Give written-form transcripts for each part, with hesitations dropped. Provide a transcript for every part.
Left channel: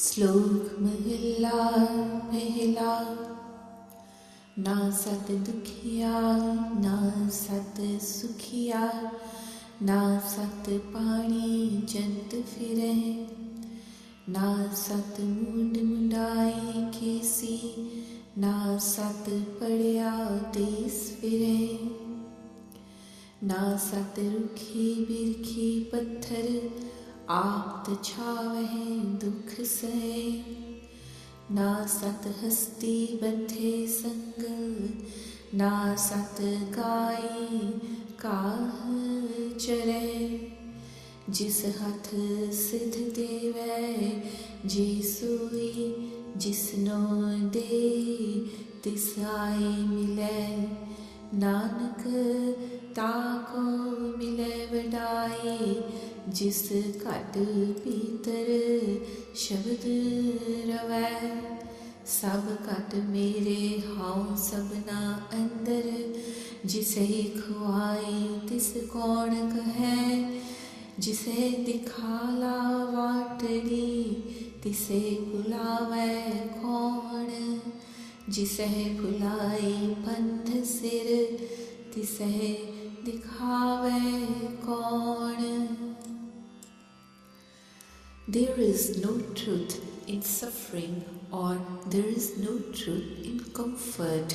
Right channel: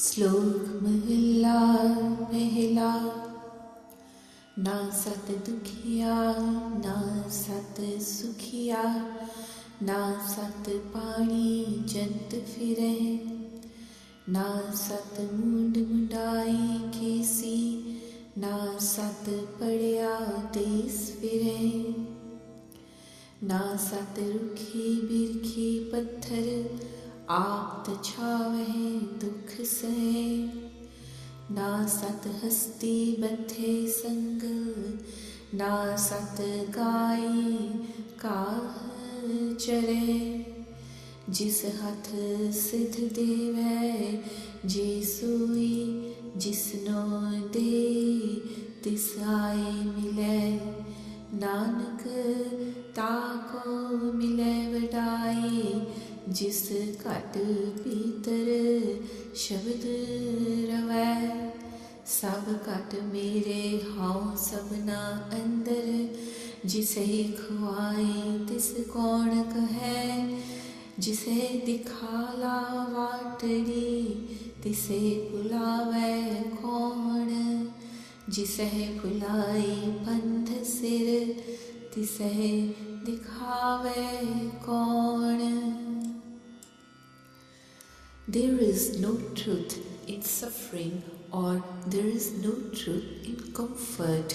श्लोक महिला पहला। ना सत दुखिया ना सत सुखिया, ना सत पानी जंत फिरे, ना सत मुंड मुंडाई केसी, ना सत पड़िया देस फिरे, ना सत रुखी बिरखी पत्थर, आप छावह दुख सहे, ना सत हस्ती बद्धे संग, ना सत गाई काह चरे, जिस हथ सिद्ध देवै जे सोई, जिसनो दे तिस आए मिलै, नानक ताको मिलै वडाई, जिस घट भीतर शब्द रवै, सब घट मेरे हाउ सबना अंदर, जिसे खुआई तिस कौन कहे, जिसे दिखाला वाटड़ी तिसे बुलावै कौन, जिसे भुलाई पंध सिर तिसे दिखावे कौन। There is no truth in suffering, or there is no truth in comfort.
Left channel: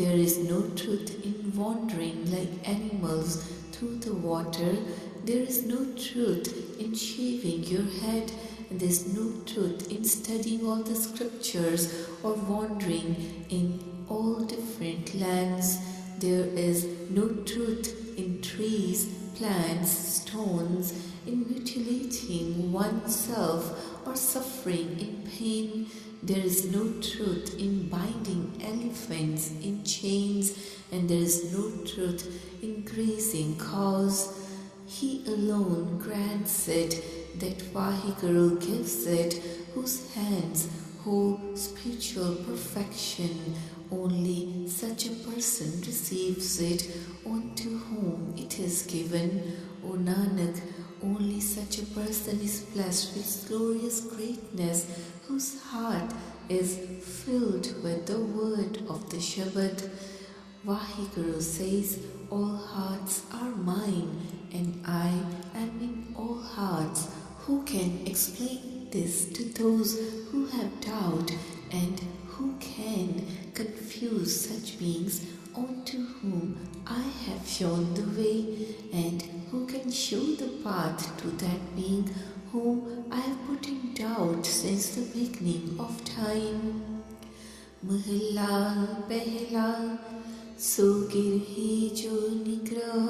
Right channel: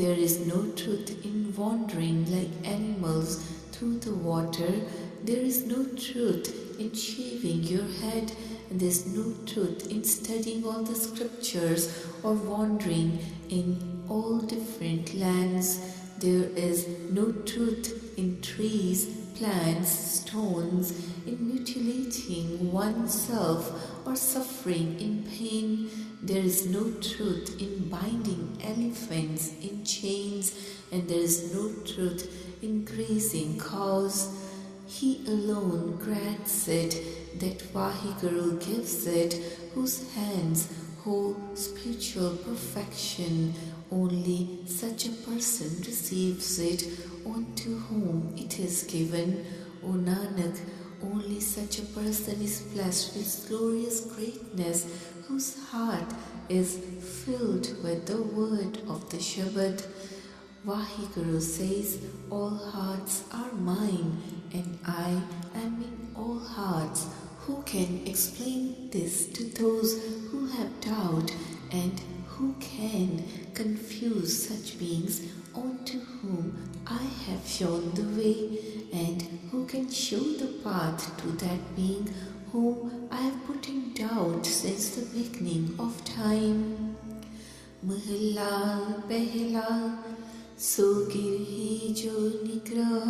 There is no truth in wandering like animals through the water. There is no truth in shaving your head. And there is no truth in studying all the scriptures or wandering in all different lands. There is no truth in trees, plants, stones, in mutilating oneself or suffering in pain. There is no truth in binding elephants in chains, and there is no truth in grazing cows. He alone grants it, that Vaheguru gives it, whose hands hold spiritual perfection. Only such a person receives it, unto whom it is given. O Nanak, only such a person is blessed with glorious greatness, whose heart is filled with the word of the Shabad. Vaheguru says, all hearts are mine, and I am in all hearts. Who can explain this to those who have doubt, and who can confuse such beings unto whom I have shown the way, and who can show the path to that being whom I have put in doubt since the beginning of time? Mahalla pehla, so गिरहि जो निग्रह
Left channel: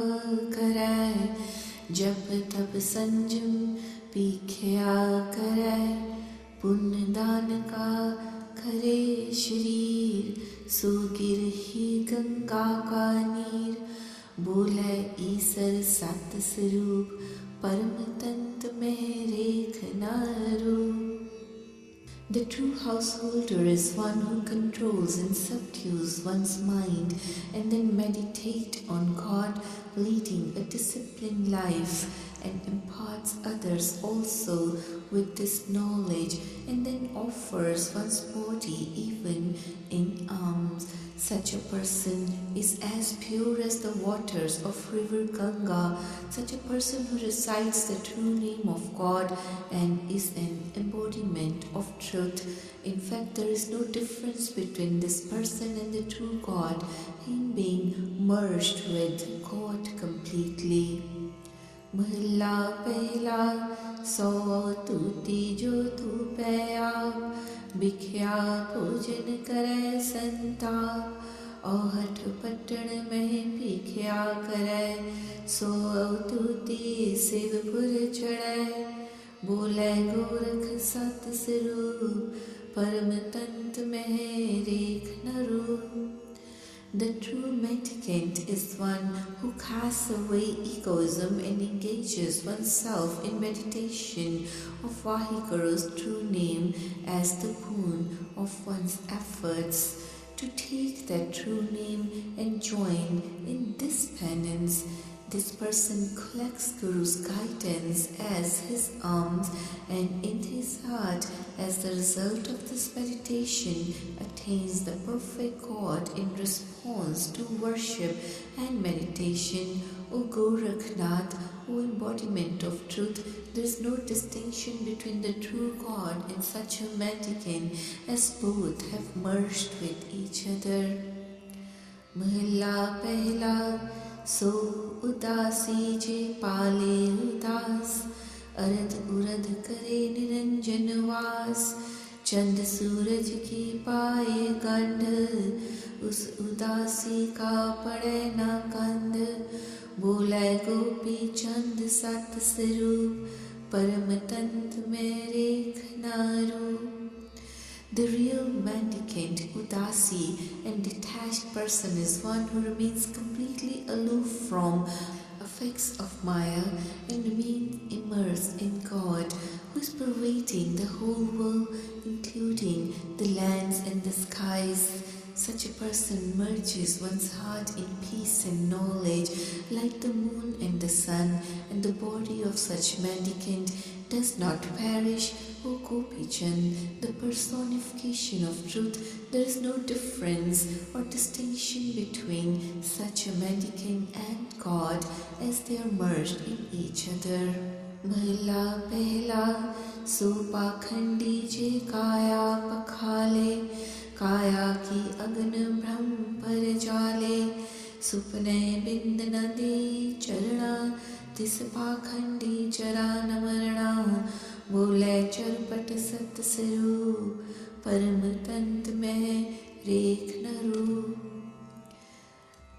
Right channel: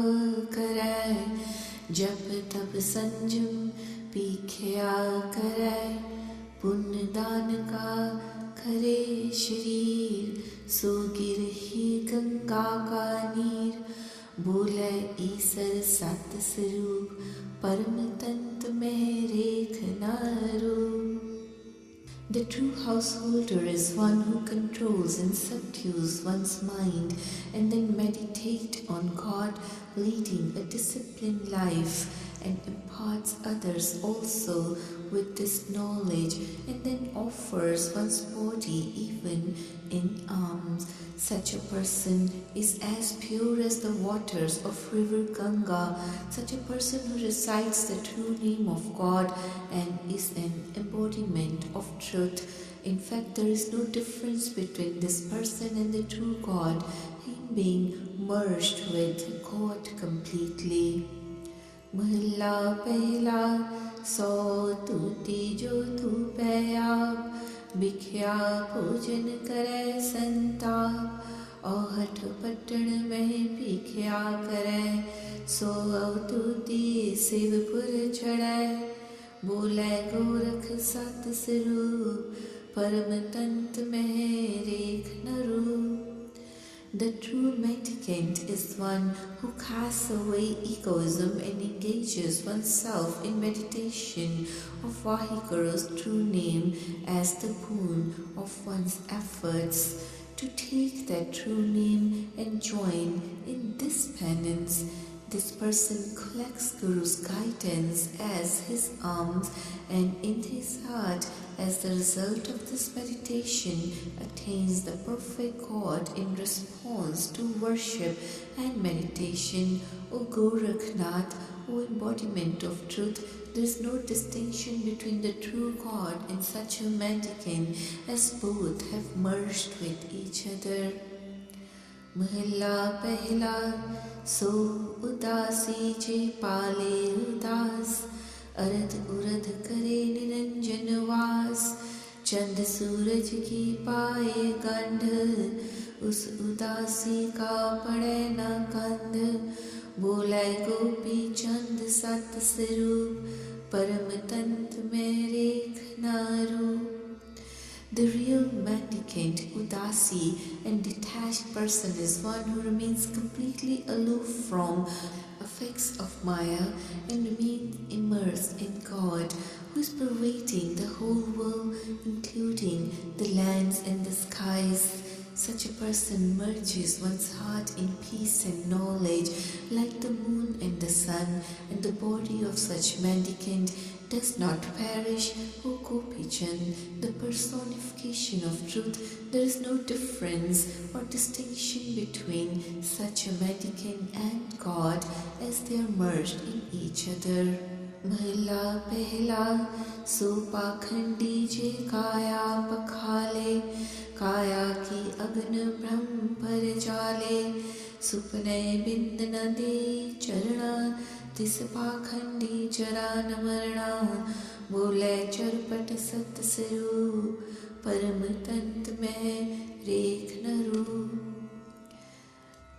करै, जप तप संजम पीख्या करै, पुण्य दान का करे शरीर, सो गिरहि गंगा का नीर, बोले ईसर सत स्वरूप, परम तंत में रेख नारू। The true householder is one who controls and subdues one's mind and then meditate on God, leading a disciplined life, and imparts others also with this knowledge, and then offers one's body even in alms. Such a person is as pure as the waters of river Ganga. Such a person who recites the true name of God and is an embodiment of truth. In fact, there is no difference between this person and the true God, him being merged with God completely. Mahalla pehla, so tuti jo tu payap, बिख्या भोजन करे संताप, औहठ पट्टन में भीख्या करे, सो अवतूति शिवपुर चढ़ै, बोले गोरख सत स्वरूप, परम तंत में रेख Naru. The true mendicant is one who casts away egoism and engages oneself in meditation of Vaheguru's true name as the boon of one's efforts. To take that true name and join in this penance, this person collects Guru's guidance as his alms, and in his heart as the result of this meditation, attains the perfect God in response to worship and meditation. O Gorakhnath, O embodiment of truth, there is no distinction between the true God and such a mendicant, as both have merged with each other. महला पहला सो उदासी जे पाले उदास, अरध उरध करे निरंजन वास, चंद सूरज की पाए गंध, उस उदासी का पड़े न कंध, बोले गोपी चंद सत स्वरूप, परम तंत्र में रेख न रूप. The real mendicant, udasi, and detached person is one who remains completely aloof from effects of Maya and remains immersed in God, who is pervading the whole world, including the lands and the skies. Such a person merges one's heart in peace and knowledge, like the moon and the sun, and the body of such mendicant does not perish. O Gopichan, the personification of truth, there is no difference or distinction between such a mendicant and God, as they are merged in each other. महला पहला सो पाखंडी जे काया पखाले, काया की अगन ब्रह्म पर जाले, सुपने बिंद न दे चरणा, तिस पाखंडी जरा न मरणा, बोले चरपट सत स्वरूप, परम तंत में रेख न रूप.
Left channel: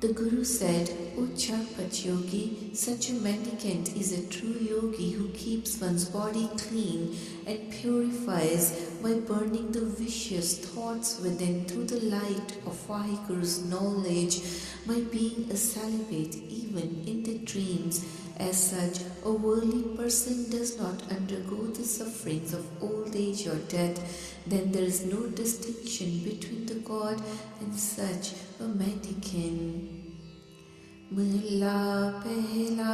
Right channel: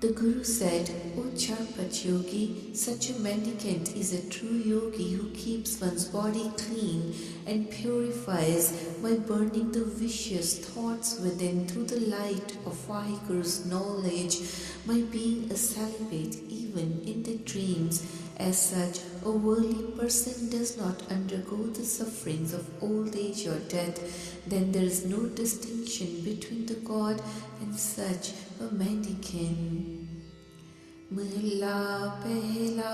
The Guru said, O Charpat yogi, such a mendicant is a true yogi who keeps one's body clean and purifies by burning the vicious thoughts within through the light of Vaheguru's knowledge, by being a celibate even in the dreams. As such, a worldly person does not undergo the sufferings of old age or death. Then there is no distinction between the God and such a mendicant. महला पहला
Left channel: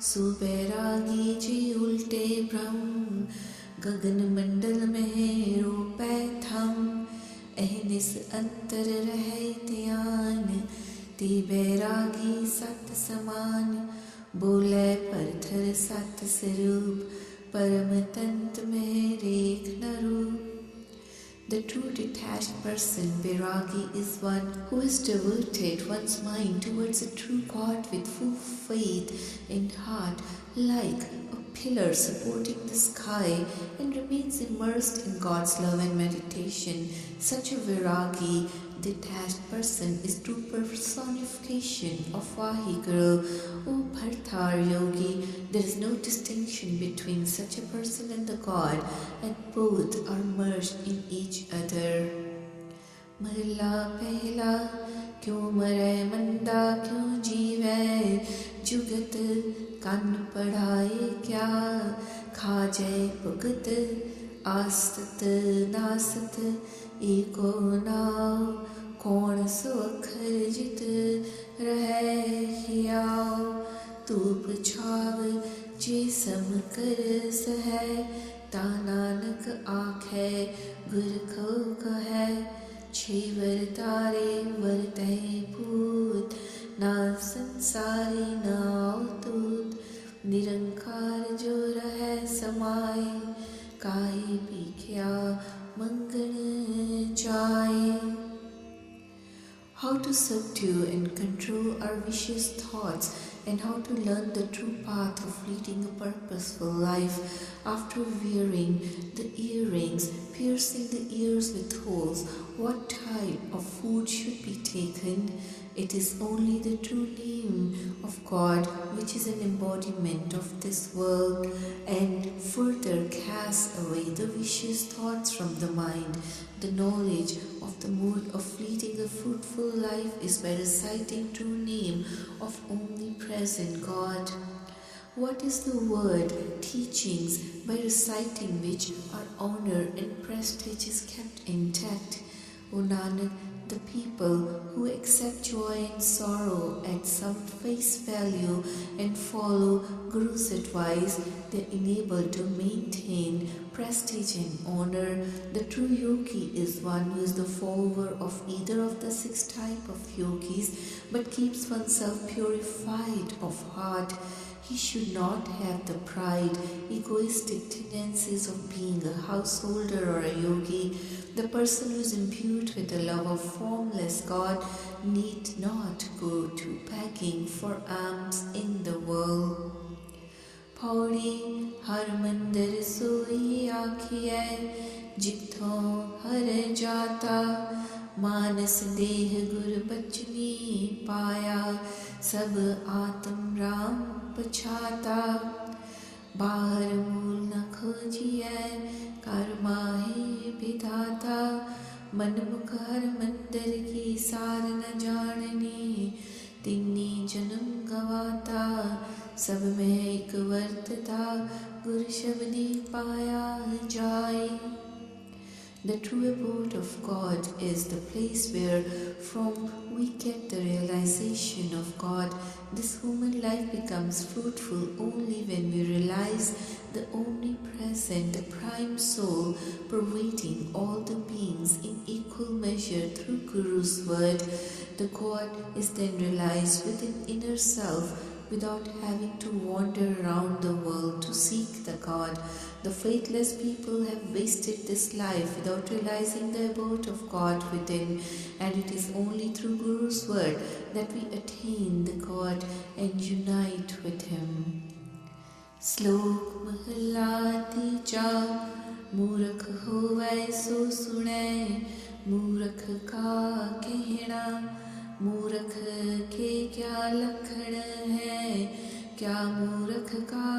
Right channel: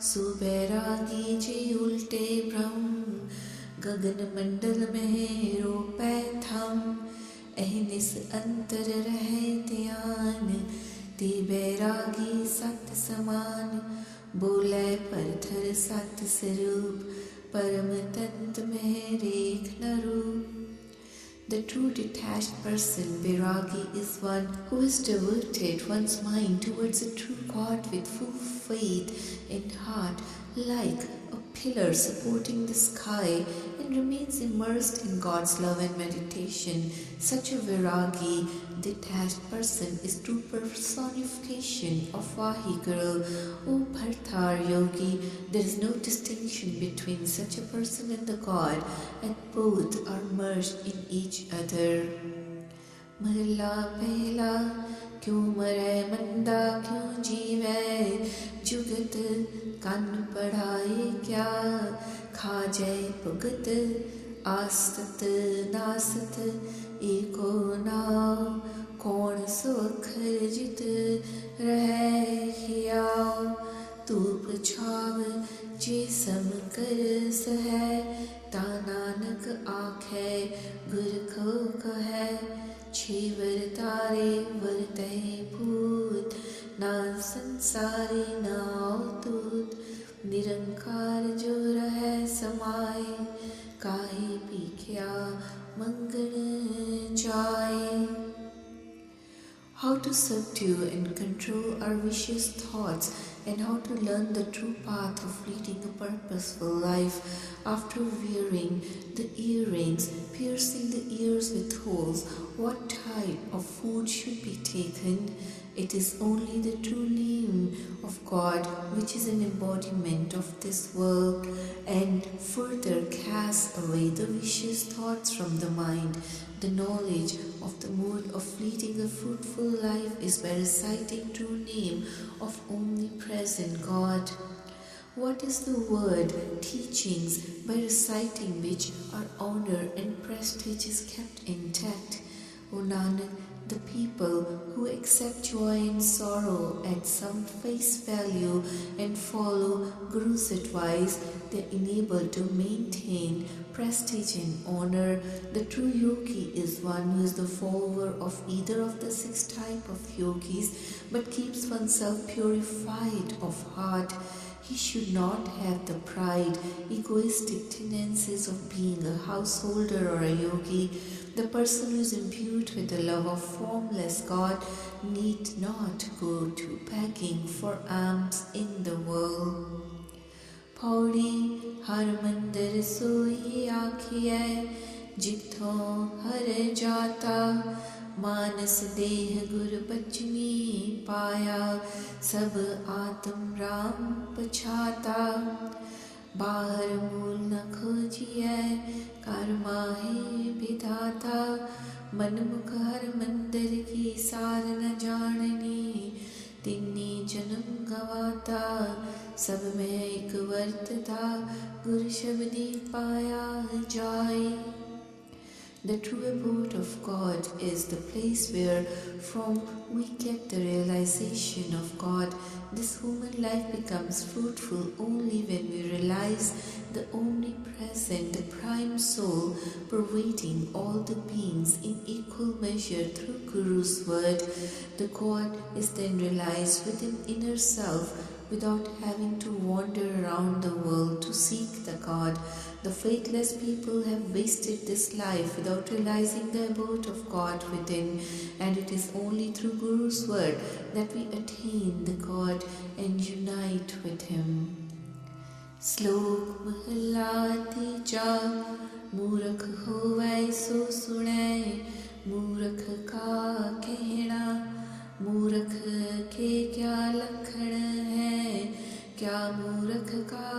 सुबैरागी जे उल्टे ब्रह्म, गगन मंडल में रोपै थम, अहनिस अंतर रहे ध्यान, ते बैरागी सत समान, बोले परथर सत स्वरूप, परम तंत में रेख न रूप. The true detached person, Vairagi, is one who has diverted one's mind towards a true God with full faith in heart, like a pillar supporting the sky, and remains immersed in God's love and meditation. Such a Vairagi, detached person, is true personification of Vaheguru. O Bhartar yogi, there is no distinction between such a person and the God, and both are merged in each other. महला पहला क्यों मरे मंदा क्यों जीवे, जुगत कन पढ़ाए क्या, खा जाए भुगत आसत नासत, एको नाव कौन सो अखर जित रहे हियाव, तूप छाव जे सम कर सहे, ता नानक आखे गुर को कहे, छेवर तारे वरतहि भूत, ना संसारी ना अवतूत, निरंकार जो रहे समाए, काहे भीख्या मंगन जाए. How to subdue and control our vicious thoughts, and how to learn the true path of leading a purposeful life. After wearing the earrings, piercing the ears with holes, what type of food should be taken? It is only the true name of God, which is an embodiment of this world, and further casts away the vicious thoughts from the mind. The knowledge of the mode of leading a fruitful life is by reciting true name of omnipresent God. What is the word teachings, by reciting which our honor and prestige is kept intact? O Nanak, the people who accept joy and sorrow at some face value and follow Guru's advice, they're enabled to maintain prestige and honor. The true yogi is one who is the follower of either of the 6 types of yogis but keeps oneself purified of heart. He should not have the pride, egoistic tendencies of being a householder or a yogi. The person who is imbued with the love of formless God need not go to begging for alms in the world. Pauri har mandir soi आखिए जिथों हर जाता मानस देह गुर बचनी पाया सब आत्म राम पछाता बाहर मूल न खोजिए कर्मा है विधाता मनमुख हर मंदिर की सार न जाननी तिन्नी जन्म गवाता सब में एक वर्तता गुर शब्दी पाया जाए. The true abode of God is the place where from we get the realization of God. This human life becomes fruitful only when we realize the omnipresent, the prime soul pervading all the beings in equal measure through Guru's word. The God is then realized within inner self without having to wander around the world to seek the God. The faithless people have wasted this life without realizing the abode of God within, and it is only through Guru's word that we attain the God and unite with Him. Slok Mahalla Tija Murakh hovai so sune Murakh ka kehna मूर्ख के क्या लक्षण है क्या मूर्ख का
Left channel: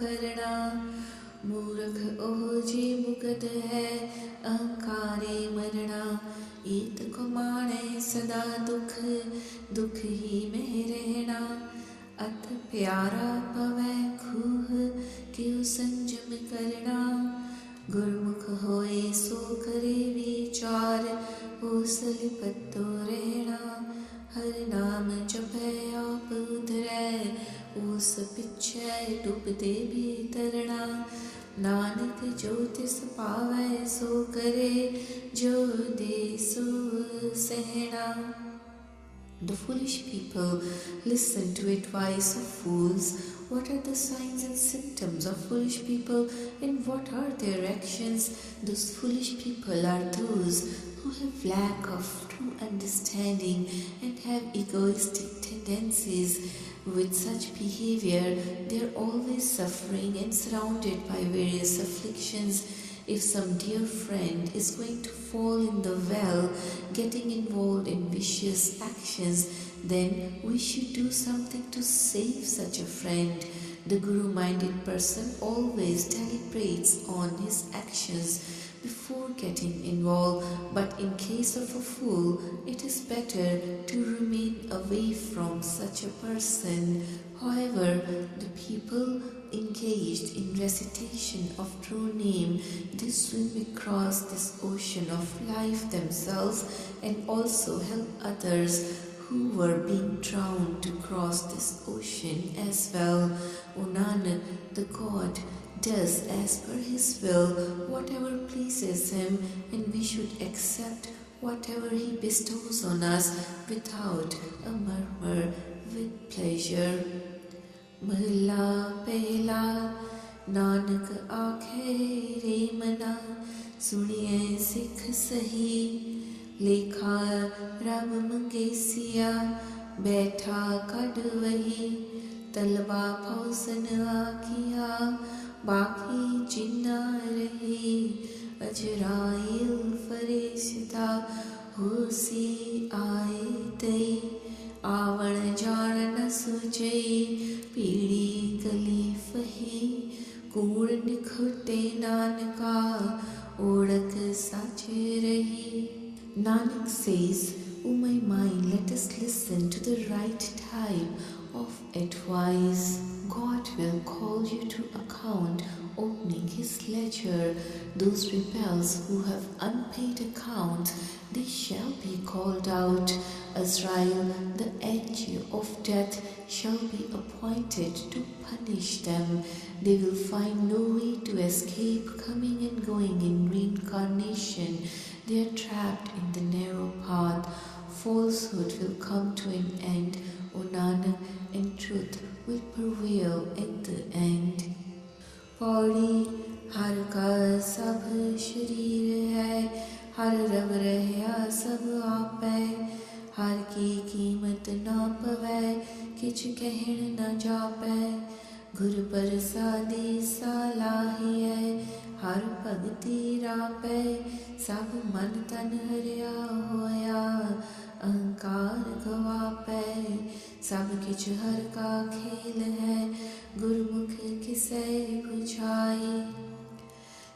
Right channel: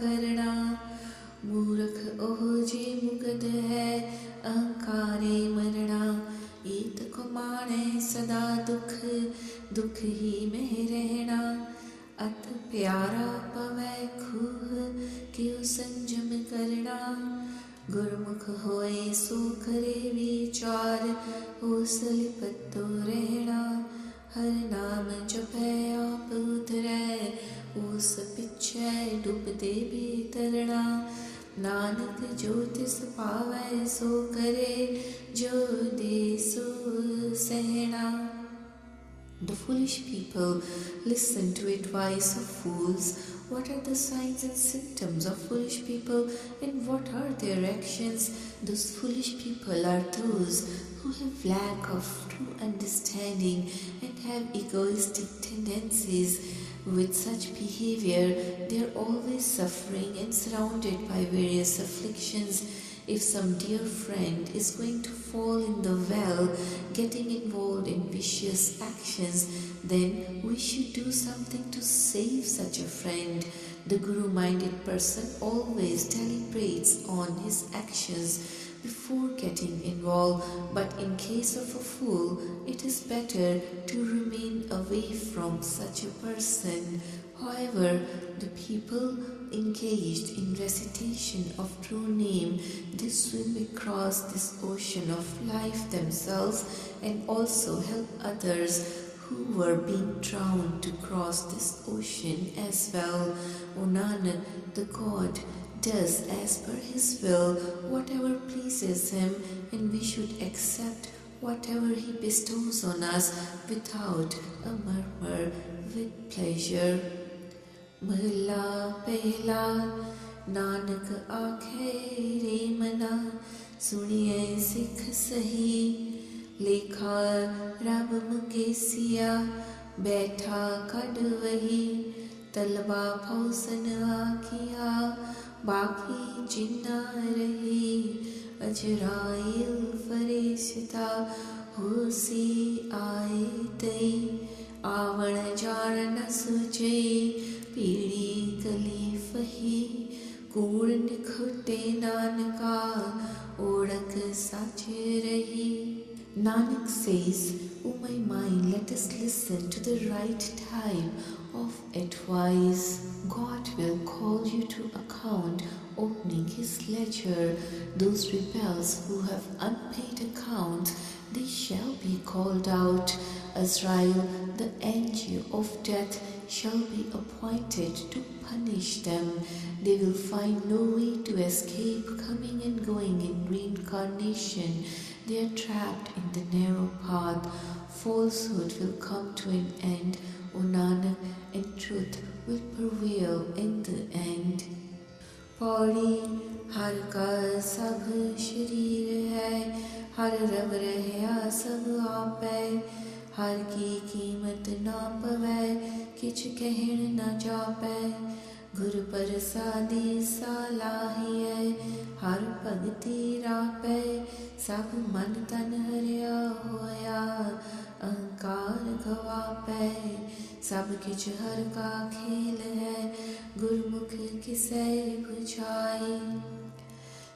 करना मूर्ख ओह जे मुगद है अहंकारे मरना ईत को माने सदा दुख दुख ही में रहना अत प्यारा पवै खूह क्यों संजम करना गुरमुख होए सो करे विचार हो सलिपतो रहना हर नाम जपै आप उधरै उस पिछै डूबदे भी तरना नानक जो तिस पावै सो करे जो दे सो सहना. The foolish people listen to advice of fools. What are the signs and symptoms of foolish people, and what are their actions? Those foolish people are those who have lack of true understanding and have egoistic tendencies. With such behavior, they are always suffering and surrounded by various afflictions. If some dear friend is going to fall in the well, getting involved in vicious actions, then we should do something to save such a friend. The Guru-minded person always deliberates on his actions before getting involved, but in case of a fool, it is better to remain away from such a person. However, the people engaged in recitation of true name, they swim across this ocean of life themselves and also help others who were being drowned to cross this ocean as well. O Nanak, the God does as per His will whatever pleases Him, and we should accept whatever He bestows on us without a murmur, with pleasure. Mahla pehla Nanak aakhe re mana suniye sikh sahi lekha rab mangesiya baitha kad wahi talba phausan aakiya बाकी जिन्ना रही अजराइल फरिश्ता होसी आए तई आवण जाण न सुझे पीड़ी गली फही कूड़ निखटे नानका ओढ़क साचे रही. Nanak says, O my mind, let us listen to the right type of advice. God will call you to account opening his ledger. Those rebels who have unpaid accounts, they shall be called out. Azrael, the angel of death, shall be appointed to punish them. They will find no way to escape coming and going in reincarnation. They are trapped in the narrow path. Falsehood will come to an end, O Nanak, and truth will prevail in the end. Pauri हर का सब शरीर है, हर रव रहया सब आपै, हर की कीमत ना पवै, किछ कहण न जापै, गुर प्रसादी सालाहियै, हर भगति रापै, सब मन तन हरिया होया, अहंकार गवापै, सब किछ हर का खेल है, गुरमुख किसै बुझाई.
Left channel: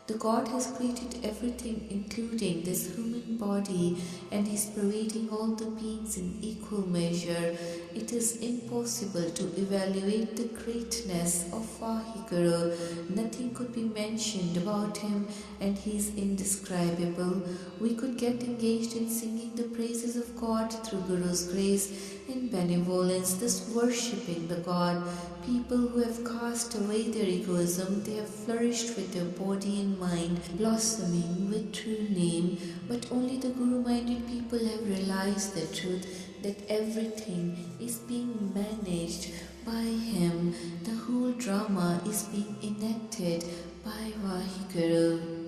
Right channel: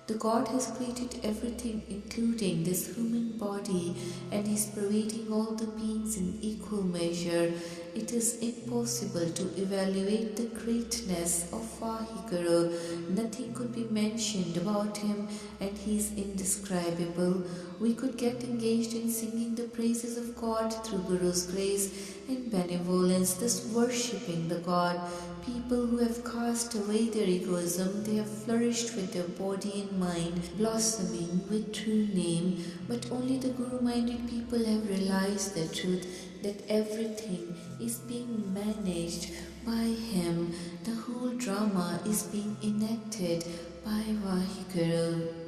The God has created everything, including this human body, and He is pervading all the beings in equal measure. It is impossible to evaluate the greatness of Vaheguru. Nothing could be mentioned about Him, and He is indescribable. We could get engaged in singing the praises of God through Guru's grace and benevolence, thus worshipping the God. People who have cast away their egoism, they have flourished with their body and mind, blossoming with true name. But only the Guru-minded people have realized the truth, that everything is being managed by Him. The whole drama is being enacted by Vaheguru.